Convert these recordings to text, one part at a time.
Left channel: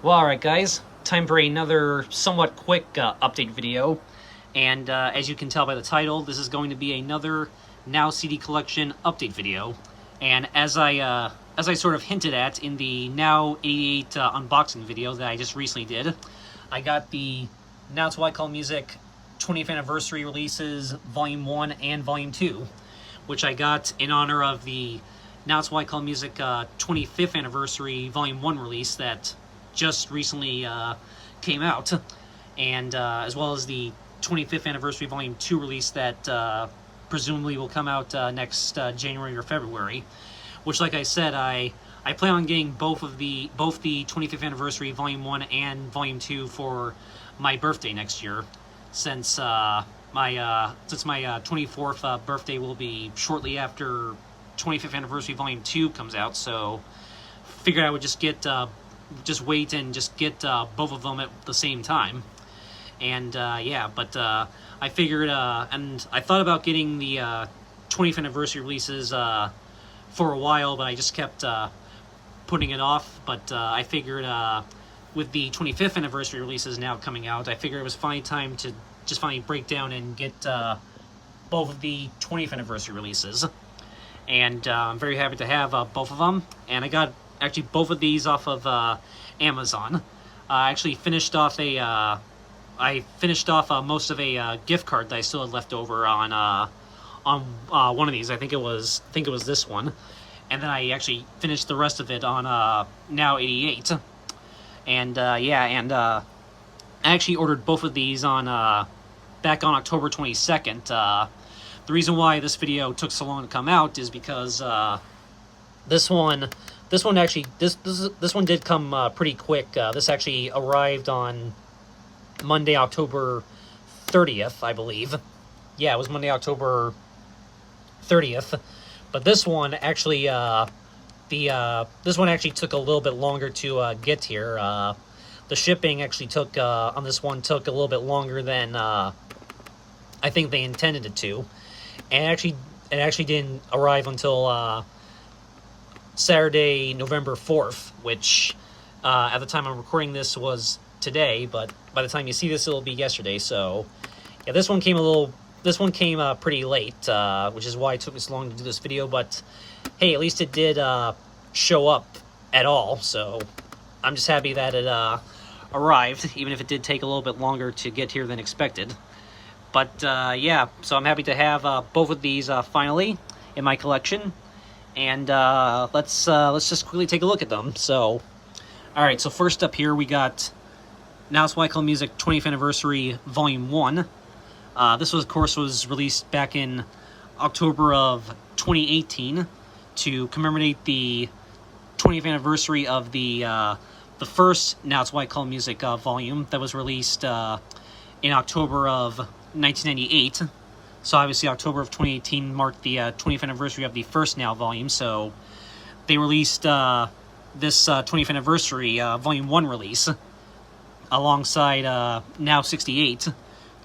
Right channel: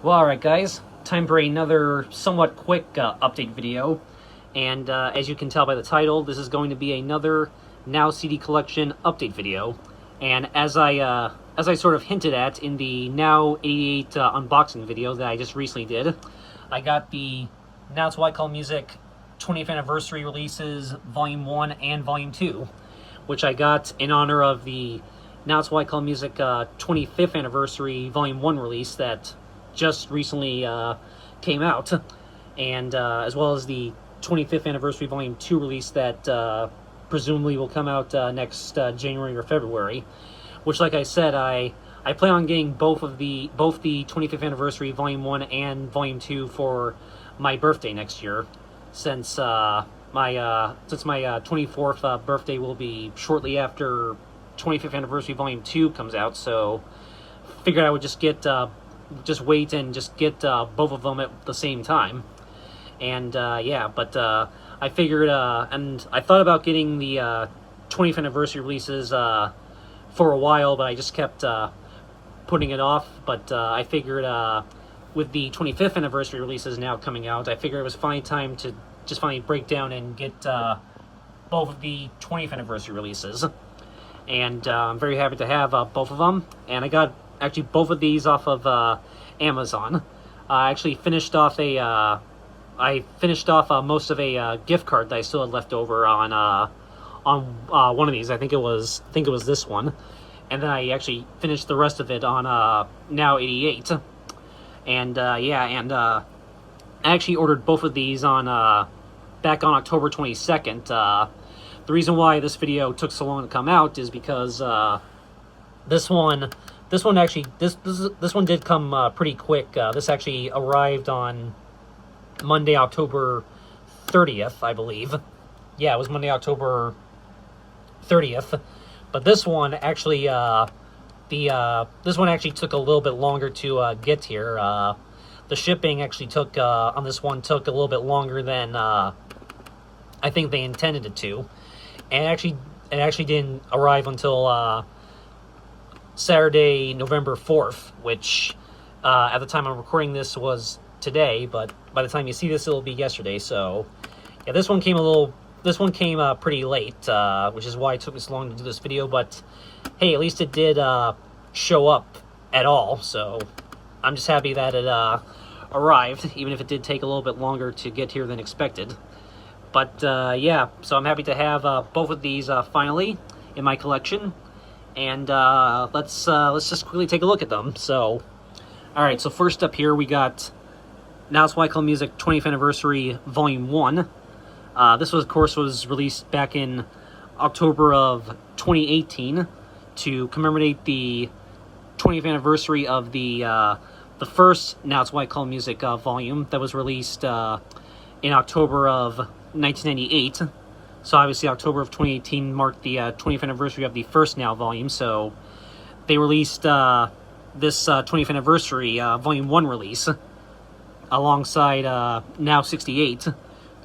Well, alright guys, time for another somewhat quick update video. And as you can tell by the title, this is going to be another Now CD Collection update video. And as I sort of hinted at in the Now 88 unboxing video that I just recently did, I got the Now It's What I Call Music 20th Anniversary releases Volume 1 and Volume 2, which I got in honor of the Now It's What I Call Music 25th Anniversary Volume 1 release that just recently came out, and as well as the 25th Anniversary Volume 2 release that presumably will come out next January or February, which, like I said, I plan on getting both the 25th Anniversary Volume 1 and Volume 2 for my birthday next year, since my 24th birthday will be shortly after 25th Anniversary Volume 2 comes out, so figured I would just wait and just get both of them at the same time. And yeah, but I figured, and I thought about getting the 20th anniversary releases for a while, but I just kept putting it off. But I figured with the 25th anniversary releases now coming out, I figured it was finally time to just finally break down and get both of the 20th anniversary releases. And I'm very happy to have both of them. And I got actually both of these off of Amazon. I actually finished off most of a gift card that I still had left over on one of these. I think it was this one, and then I actually finished the rest of it on Now 88. And yeah, and I actually ordered both of these on back on October 22nd. The reason why this video took so long to come out is because this one did come pretty quick. This actually arrived on Monday, October 30th, I believe. Yeah, it was Monday, October 30th. But this one actually, this one actually took a little bit longer to get here. The shipping actually took on this one took a little bit longer than I think they intended it to, and it actually didn't arrive until Saturday, November 4th, which at the time I'm recording this was today, but by the time you see this, it'll be yesterday. So yeah, this one came pretty late, which is why it took this long to do this video. But hey, at least it did show up at all. So I'm just happy that it arrived, even if it did take a little bit longer to get here than expected. But yeah, so I'm happy to have both of these finally in my collection. And let's just quickly take a look at them. So, all right. So first up here we got Now It's What I Call Music 20th Anniversary Volume 1. This was, of course, was released back in October of 2018 to commemorate the 20th anniversary of the first Now It's What I Call Music volume that was released in October of 1998. So obviously October of 2018 marked the 20th anniversary of the first Now volume, so they released this 20th anniversary Volume 1 release alongside Now 68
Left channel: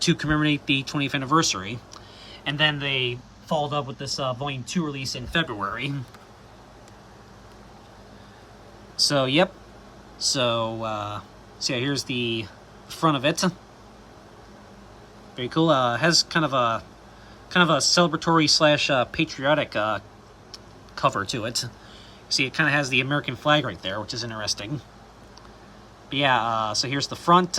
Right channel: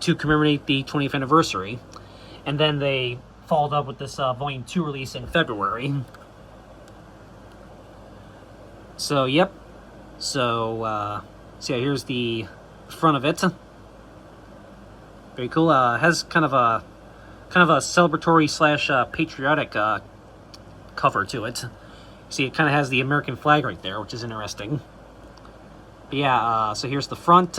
to commemorate the 20th anniversary. And then they followed up with this Volume 2 release in February. So, yep. So yeah, here's the front of it. Very cool. Has kind of a celebratory slash patriotic cover to it. See, it kind of has the American flag right there, which is interesting. But yeah, so here's the front.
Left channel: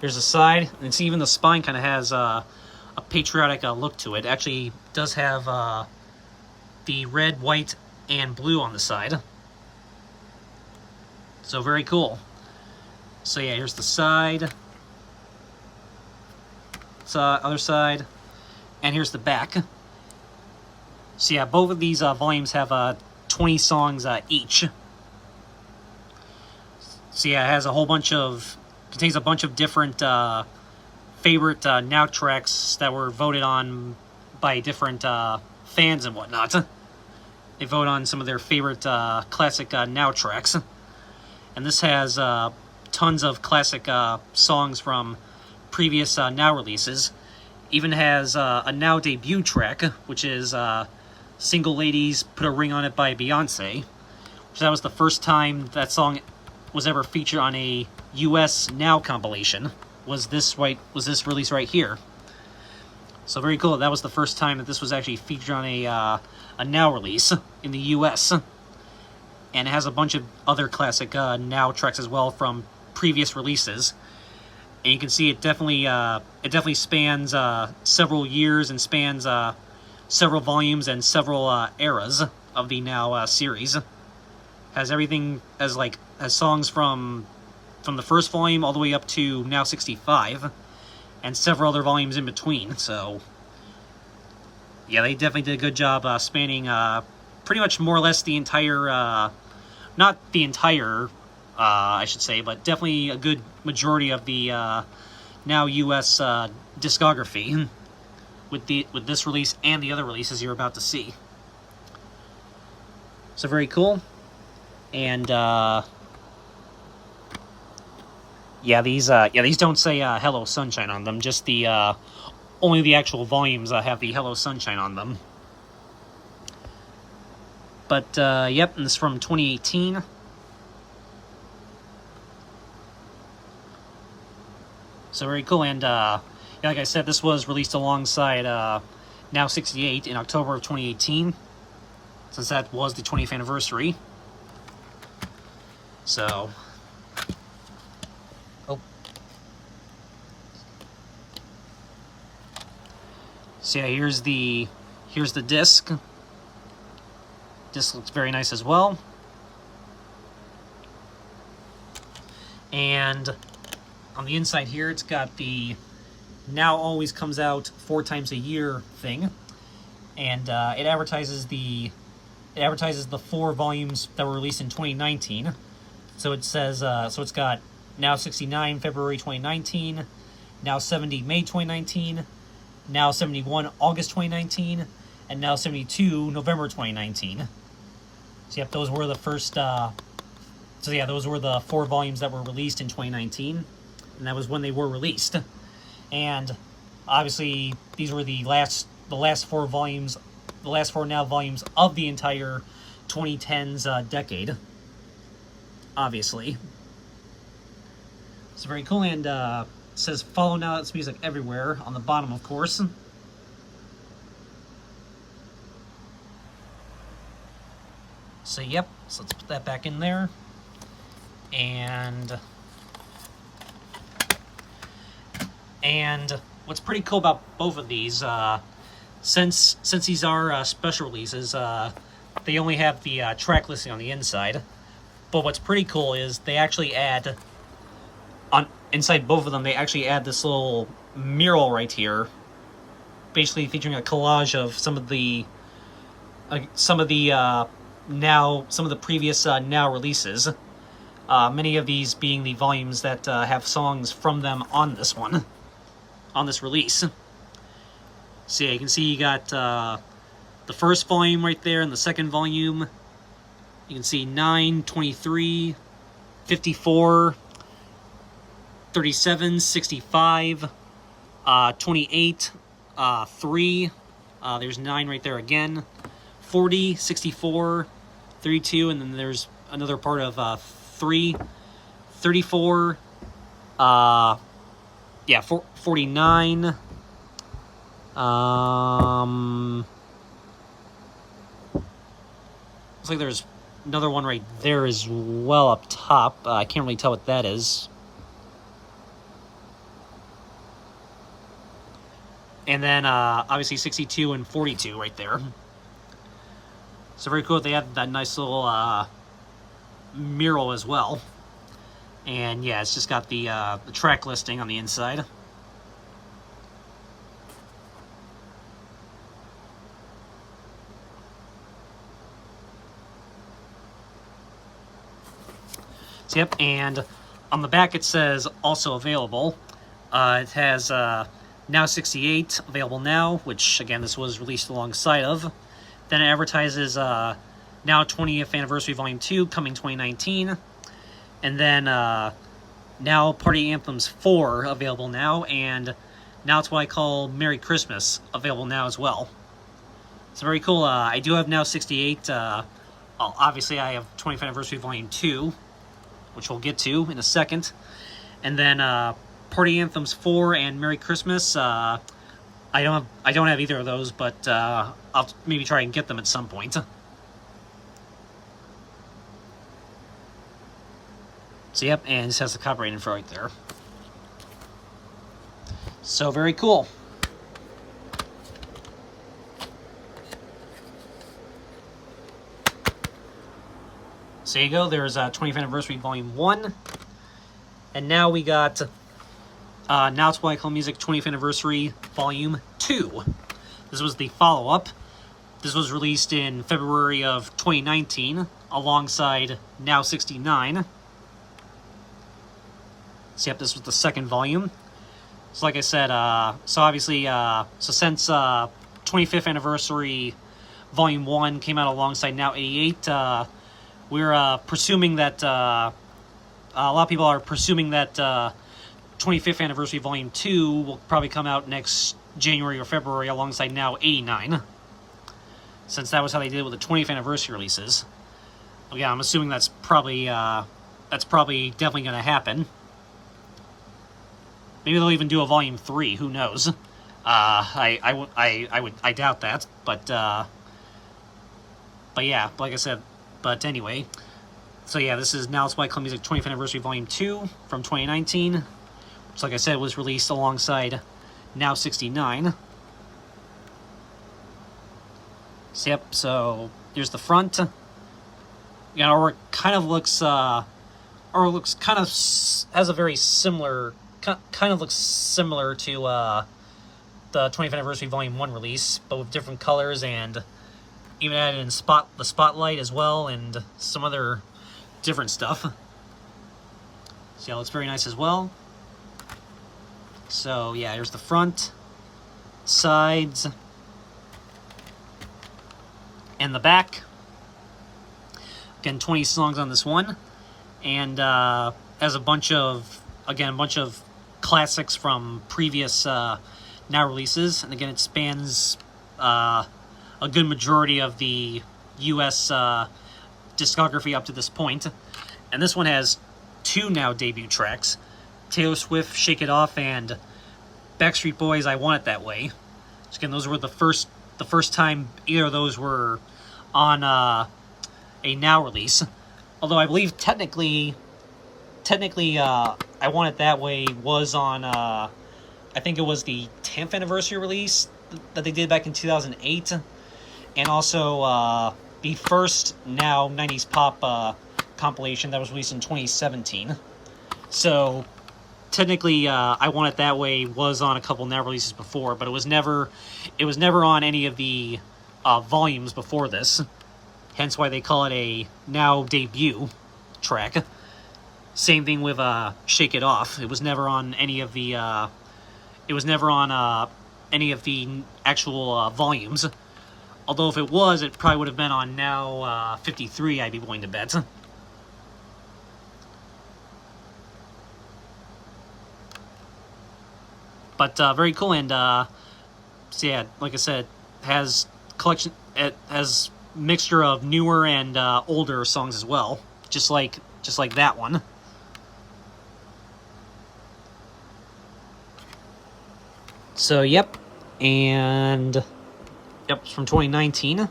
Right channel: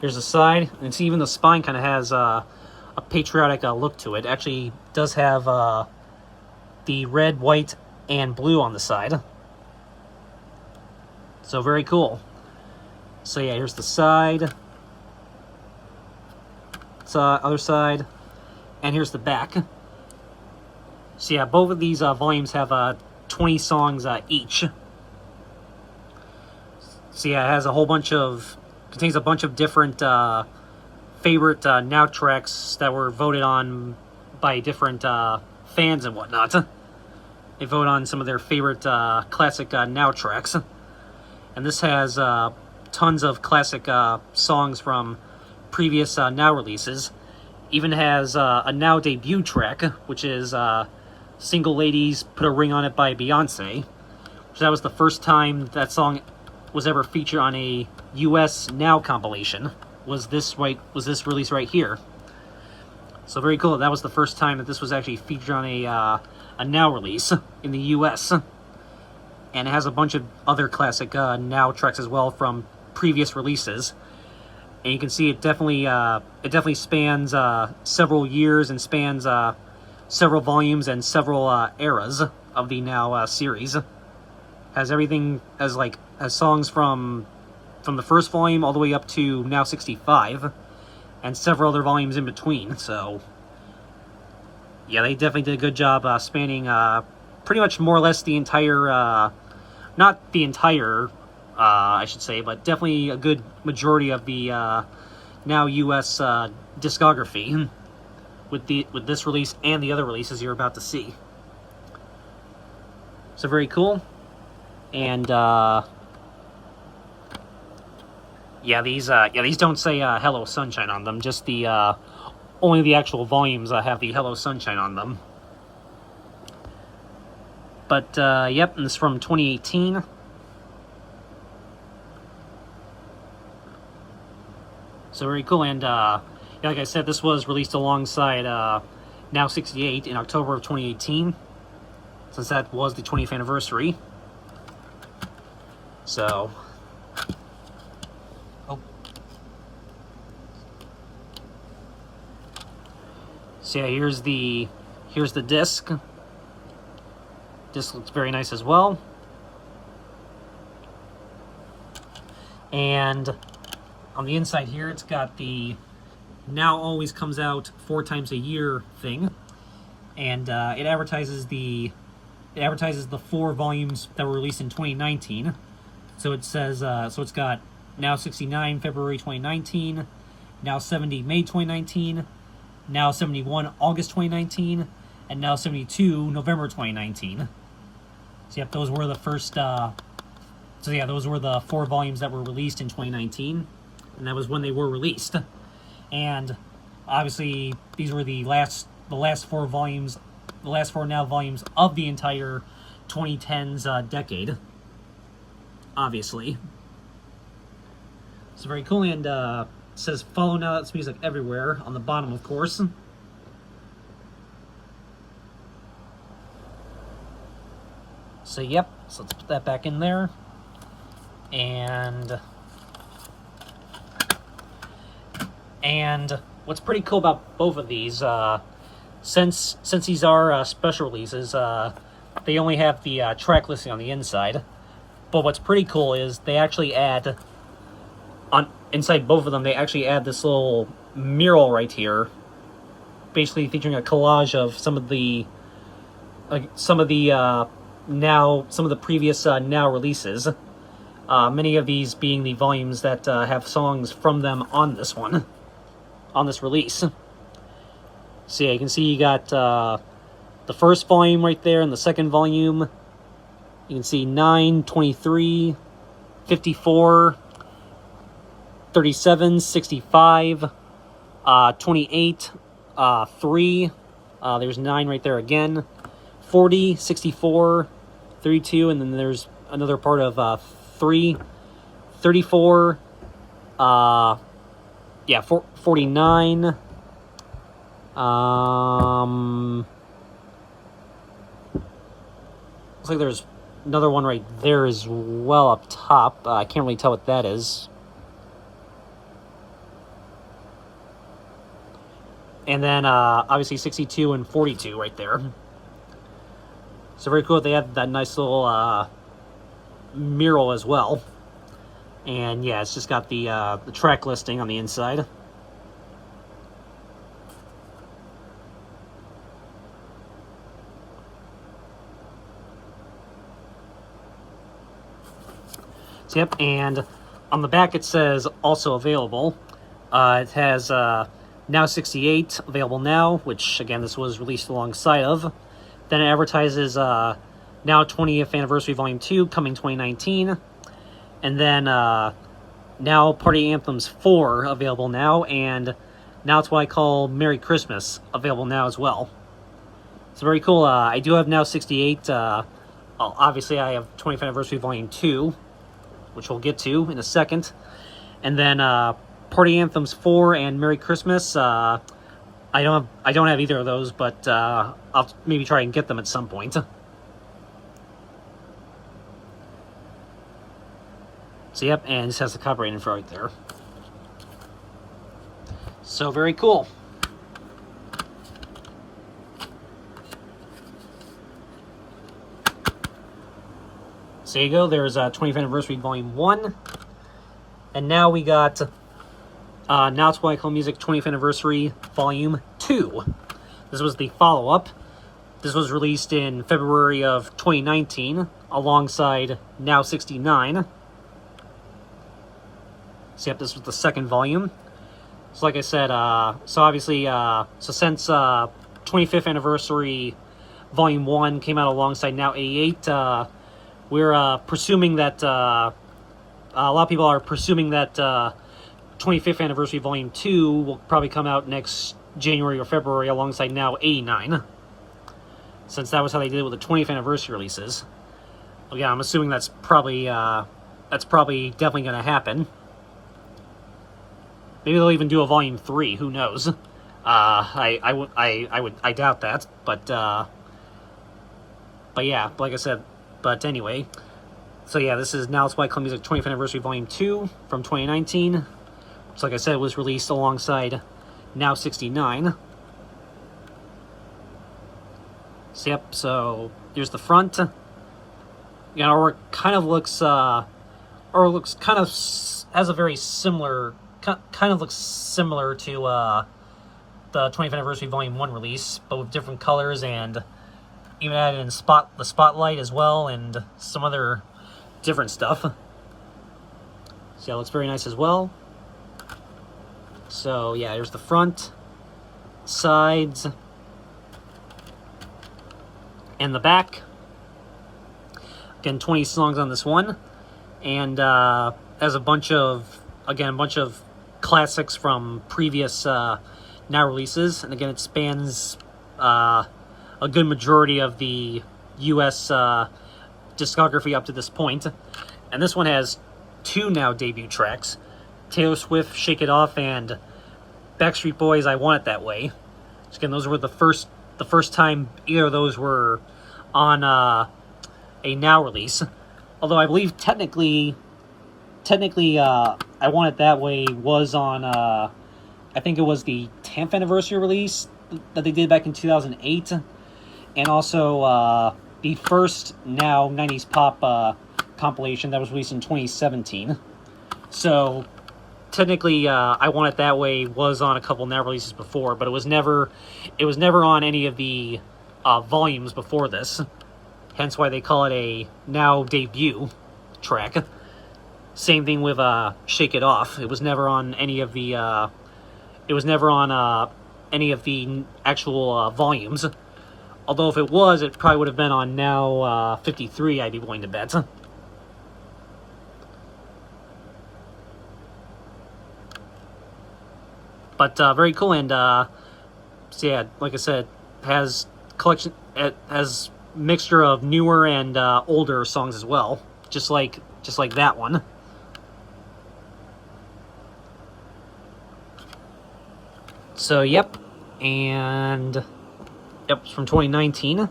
There's the side, and see, even the spine kind of has a patriotic look to it. Actually, does have the red, white, and blue on the side. So very cool. So yeah, here's the side. Other side, and here's the back. So yeah, both of these volumes have 20 songs each. So yeah, it has contains a bunch of different favorite Now tracks that were voted on by different fans and whatnot. They vote on some of their favorite classic Now tracks, and this has tons of classic songs from previous Now releases. Even has a Now debut track, which is Single Ladies Put a Ring on It by Beyonce, So that was the first time that song was ever featured on a US Now compilation. Was this release right here? So very cool. That was the first time that this was actually featured on a Now release in the US. And it has a bunch of other classic Now tracks as well from previous releases. And you can see it definitely spans several years and spans several volumes and several eras of the Now series. Has everything has songs from the first volume all the way up to Now 65, and several other volumes in between. So yeah, they definitely did a good job spanning pretty much more or less the entire, not the entire, I should say, but definitely a good majority of the Now US discography with this release and the other releases you're about to see. So very cool. And yeah, these don't say Hello Sunshine on them. Just the only the actual volumes have the Hello Sunshine on them. But yep, and this is from 2018. So very cool. And yeah, like I said, this was released alongside Now 68 in October of 2018, since that was the 20th anniversary. So, so yeah, here's the disc. Disc looks very nice as well. And on the inside here, it's got the Now always comes out 4 times a year thing, and it advertises the 4 volumes that were released in 2019. So it says, so it's got Now 69 February 2019, Now 70 May 2019, Now 71 August 2019, and Now 72 November 2019. So yep, those were the first. So yeah, those were the 4 volumes that were released in 2019, and that was when they were released. And obviously, these were the last 4 volumes, the last 4 Now volumes of the entire 2010s decade. Obviously, it's very cool. And it says "Follow Now It's Music Everywhere" on the bottom, of course. So yep, so let's put that back in there. And what's pretty cool about both of these, since these are special releases, they only have the track listing on the inside. But what's pretty cool is they actually add, inside both of them, they actually add this little mural right here, basically featuring a collage of some of the previous Now releases. Many of these being the volumes that have songs from them on this one, on this release. So yeah, you can see you got the first volume right there and the second volume. You can see 9, 23, 54, 37, 65, 28, 3, there's 9 right there again, 40, 64, 32, and then there's another part of 3, 34, yeah, 49, looks like there's another one right there as well up top. I can't really tell what that is. And then obviously 62 and 42 right there. So very cool. They had that nice little mural as well. And yeah, it's just got the track listing on the inside. So, yep, and on the back it says also available. It has Now 68 available now, which again this was released alongside of. Then it advertises Now 20th Anniversary Volume 2 coming 2019. And then Now Party Anthems 4 available now, and Now It's What I Call Merry Christmas available now as well. It's very cool. I do have Now 68 well, obviously I have 25th Anniversary Volume 2, which we'll get to in a second. And then Party Anthems 4 and Merry Christmas. I don't have either of those, but I'll maybe try and get them at some point. So yep, and this has the copyright info right there. So very cool. So there you go, there's 20th Anniversary Volume 1. And now we got Now It's What I Call Music 20th Anniversary Volume 2. This was the follow-up. This was released in February of 2019 alongside Now 69. So yep, this was the second volume. So like I said, so obviously, so since 25th Anniversary Volume 1 came out alongside Now 88, we're presuming that, a lot of people are presuming that 25th Anniversary Volume 2 will probably come out next January or February alongside Now 89. Since that was how they did it with the 20th Anniversary releases. Well, yeah, I'm assuming that's probably definitely going to happen. Maybe they'll even do a Volume 3. Who knows? I doubt that. But yeah, like I said. But anyway, so yeah, this is Now It's What I Call Music 20th Anniversary Volume 2 from 2019. Which, like I said, was released alongside Now 69. So yep. So here's the front. You know, or it kind of looks, or looks kind of has a very similar. Kind of looks similar to the 20th Anniversary Volume 1 release, but with different colors and even added in the spotlight as well and some other different stuff. So yeah, it looks very nice as well. So yeah, here's the front, sides, and the back. Again, 20 songs on this one, and has a bunch of classics from previous Now releases, and again, it spans a good majority of the U.S. discography up to this point. And this one has 2 Now debut tracks: Taylor Swift, Shake It Off, and Backstreet Boys, I Want It That Way. So again, those were the first time either of those were on a Now release. Although I believe technically, I Want It That Way was on, I think it was the 10th anniversary release that they did back in 2008. And also the first Now 90s Pop compilation that was released in 2017. So technically, I Want It That Way was on a couple Now releases before, but it was never on any of the volumes before this. Hence why they call it a Now debut track. Same thing with Shake It Off. It was never on any of the actual volumes. Although if it was, it probably would have been on Now 53, I'd be willing to bet. But very cool, and so yeah, like I said, it has mixture of newer and older songs as well, just like that one. So yep, and yep, it's from 2019.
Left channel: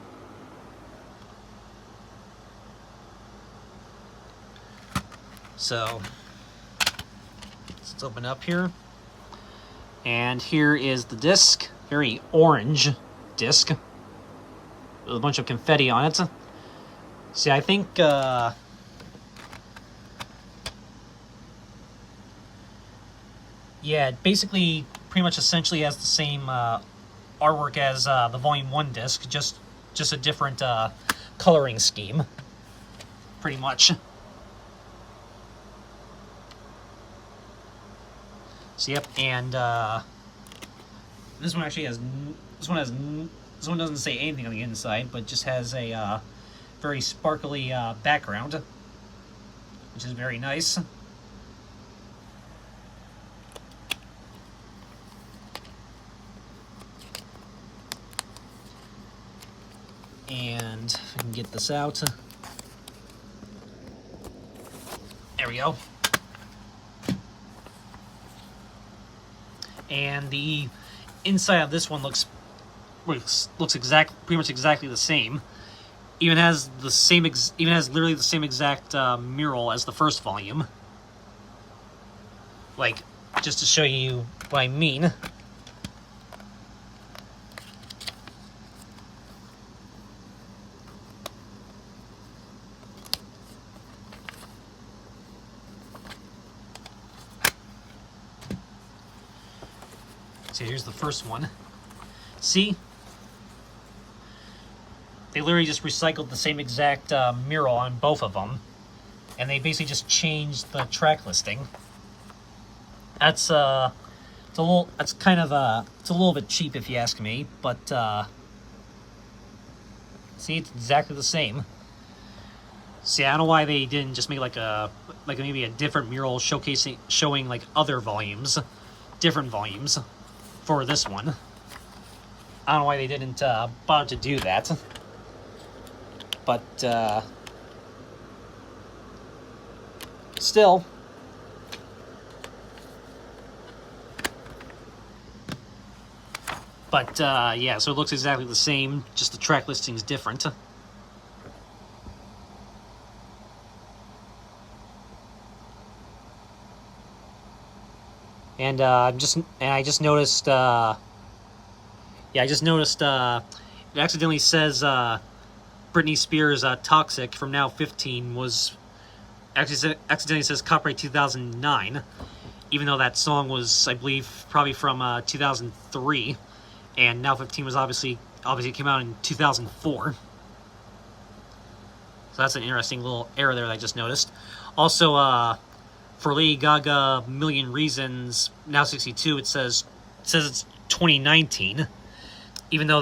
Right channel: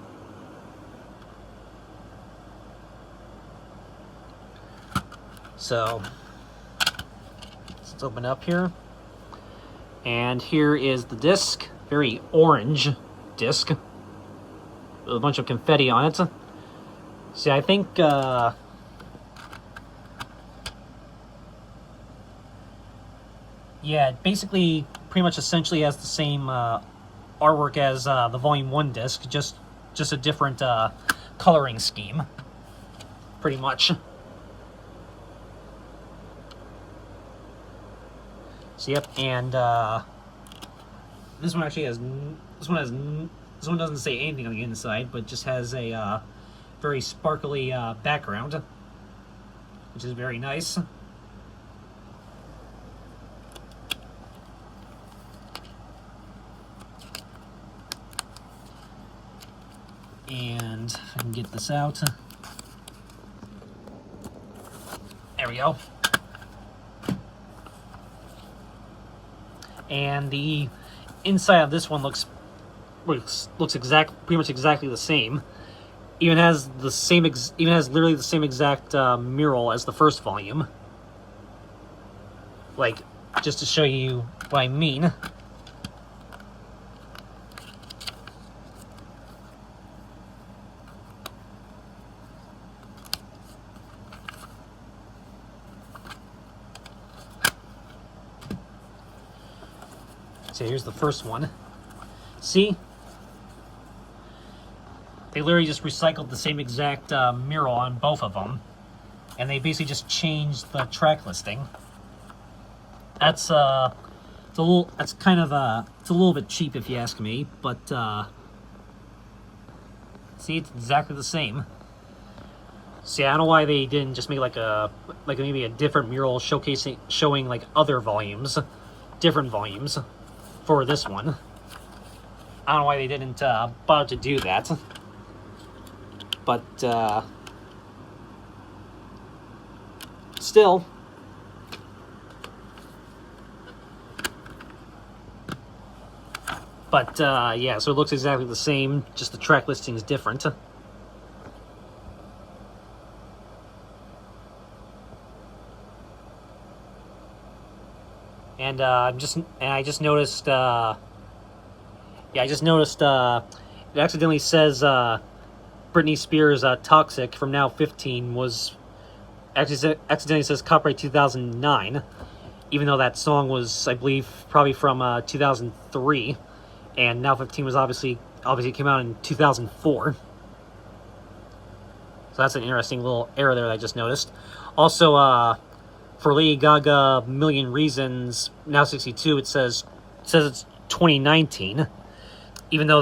So let's open up here. And here is the disc, very orange disc with a bunch of confetti on it. See, I think yeah, it basically pretty much essentially has the same artwork as the Volume 1 disc, just a different coloring scheme, pretty much. So yep, and this one actually has this one doesn't say anything on the inside, but just has a very sparkly background, which is very nice. And if I can get this out. There we go. And the inside of this one looks pretty much exactly the same. Even has literally the same exact mural as the first volume. Like, just to show you what I mean. So here's the first one. See? They literally just recycled the same exact mural on both of them. And they basically just changed the track listing. That's it's a little bit cheap if you ask me, but see, it's exactly the same. See, I don't know why they didn't just make maybe a different mural showing like other volumes, different volumes for this one. I don't know why they didn't bother to do that. But still, yeah, so it looks exactly the same, just the track listing is different. And I just noticed it accidentally says Britney Spears' Toxic from Now 15 was accidentally says copyright 2009, even though that song was, I believe, probably from 2003, and Now 15 was obviously came out in 2004. So that's an interesting little error there that I just noticed. Also, for Lady Gaga Million Reasons, Now 62, it says it's 2019, even though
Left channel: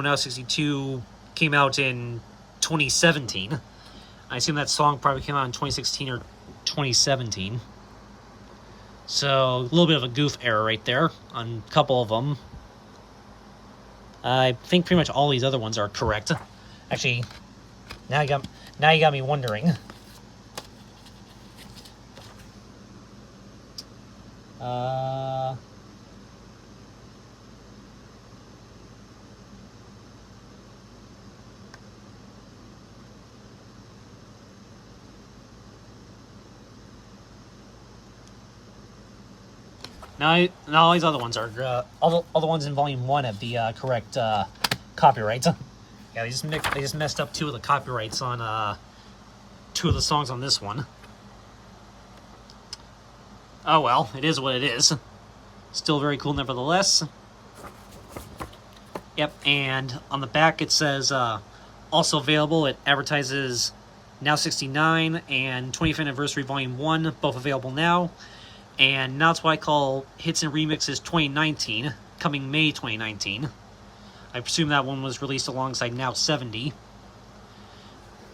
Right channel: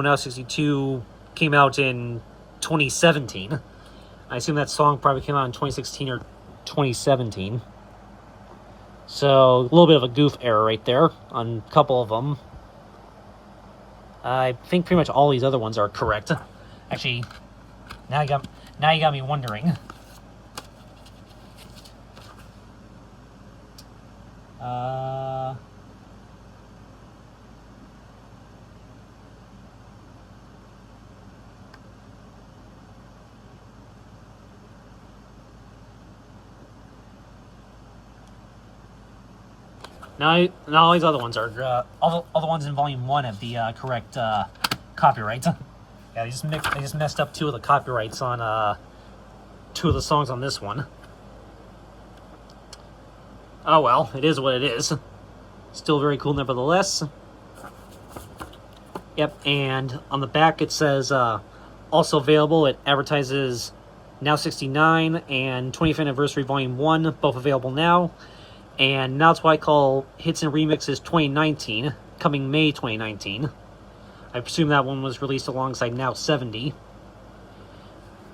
Now 62 came out in 2017. I assume that song probably came out in 2016 or 2017. So a little bit of a goof error right there on a couple of them. I think pretty much all these other ones are correct. Actually, now you got me wondering. Now all these other ones are all the ones in Volume 1 have the correct copyrights. Yeah, they just messed up 2 of the copyrights on 2 of the songs on this one. Oh well, it is what it is. Still very cool nevertheless. Yep, and on the back it says also available. It advertises Now 69 and 20th Anniversary Volume 1, both available now. And Now It's What I Call Hits and Remixes 2019, coming May 2019. I presume that one was released alongside Now 70.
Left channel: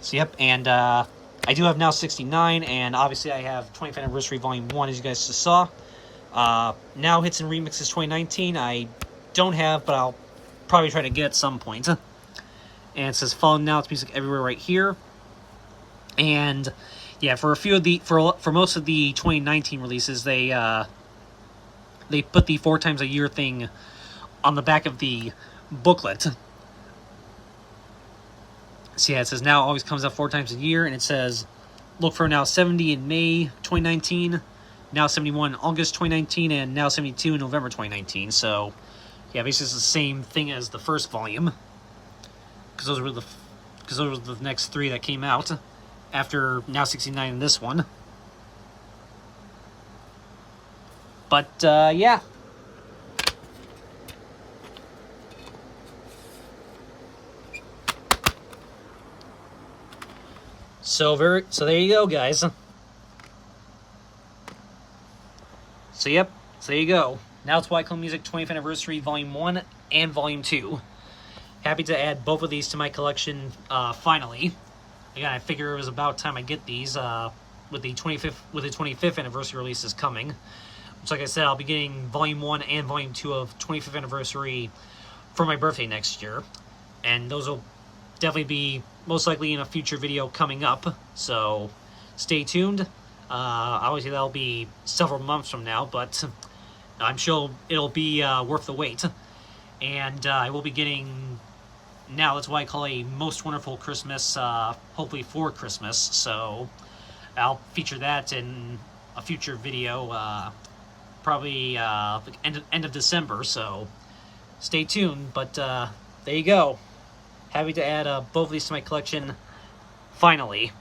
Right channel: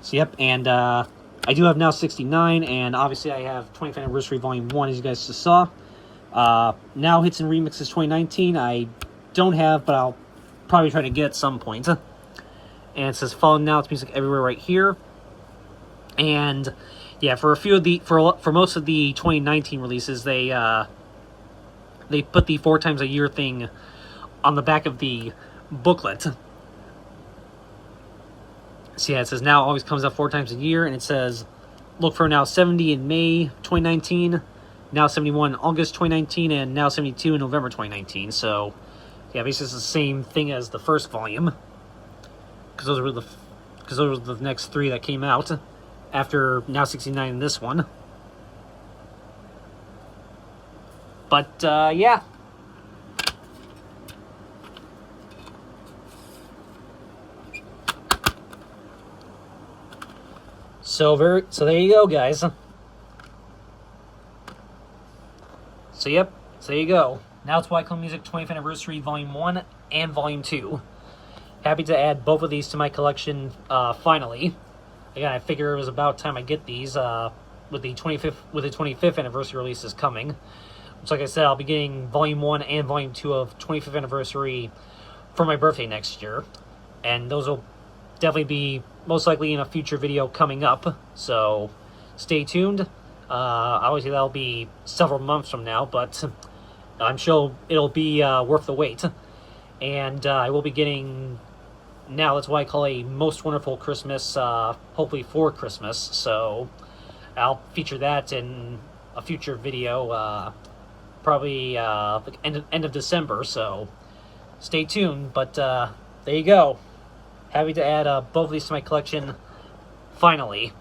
So yep, and I do have Now 69, and obviously I have 20th Anniversary Volume 1, as you guys just saw. Now Hits and Remixes 2019, I don't have, but I'll probably try to get at some point. And it says Follow Now It's Music Everywhere right here. And yeah, for most of the 2019 releases, they put the 4 times a year thing on the back of the booklet. So yeah, it says Now always comes out 4 times a year, and it says look for Now 70 in May 2019, Now 71 in August 2019, and Now 72 in November 2019. So yeah, basically it's the same thing as the first volume, because those were the next 3 that came out after Now 69 and this one. But yeah. So there you go, guys. So yep, so there you go. Now It's What I Call Music 20th Anniversary Volume 1 and Volume 2. Happy to add both of these to my collection finally. Again, I figure it was about time I get these with the 25th anniversary releases coming. Which, like I said, I'll be getting Volume 1 and Volume 2 of 25th Anniversary for my birthday next year. And those will definitely be most likely in a future video coming up. So stay tuned. Obviously, that'll be several months from now, but I'm sure it'll be worth the wait. And I will be getting, now that's what I call a most wonderful Christmas, hopefully for Christmas. So I'll feature that in a future video, probably like end of December. So stay tuned. But there you go. Happy to add both of these to my collection, finally,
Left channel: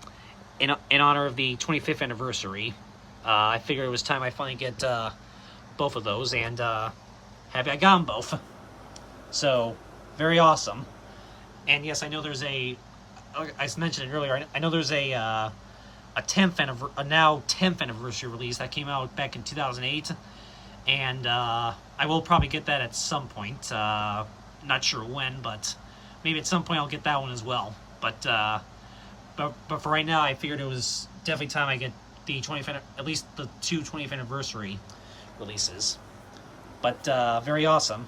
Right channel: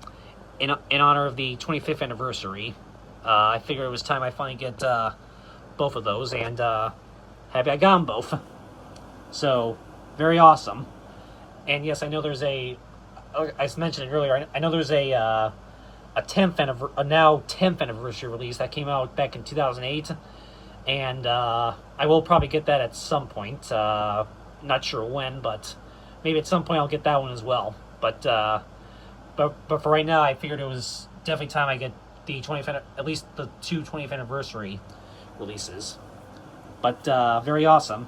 in honor of the 25th anniversary. I figured it was time I finally get both of those, and happy I got them both. So, very awesome. And yes, I know there's I mentioned it earlier, I know there's a 10th anniversary release that came out back in 2008, and I will probably get that at some point. Not sure when, but maybe at some point I'll get that one as well. But for right now, I figured it was definitely time I get the 25th, at least the 20th anniversary releases. But very awesome.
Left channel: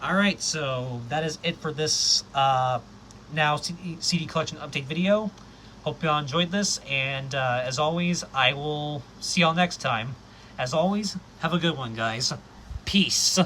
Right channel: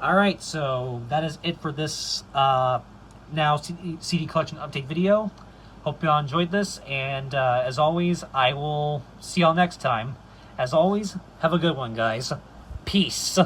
All right, so that is it for this now CD collection update video. Hope y'all enjoyed this, and as always, I will see y'all next time. As always, have a good one, guys. Peace.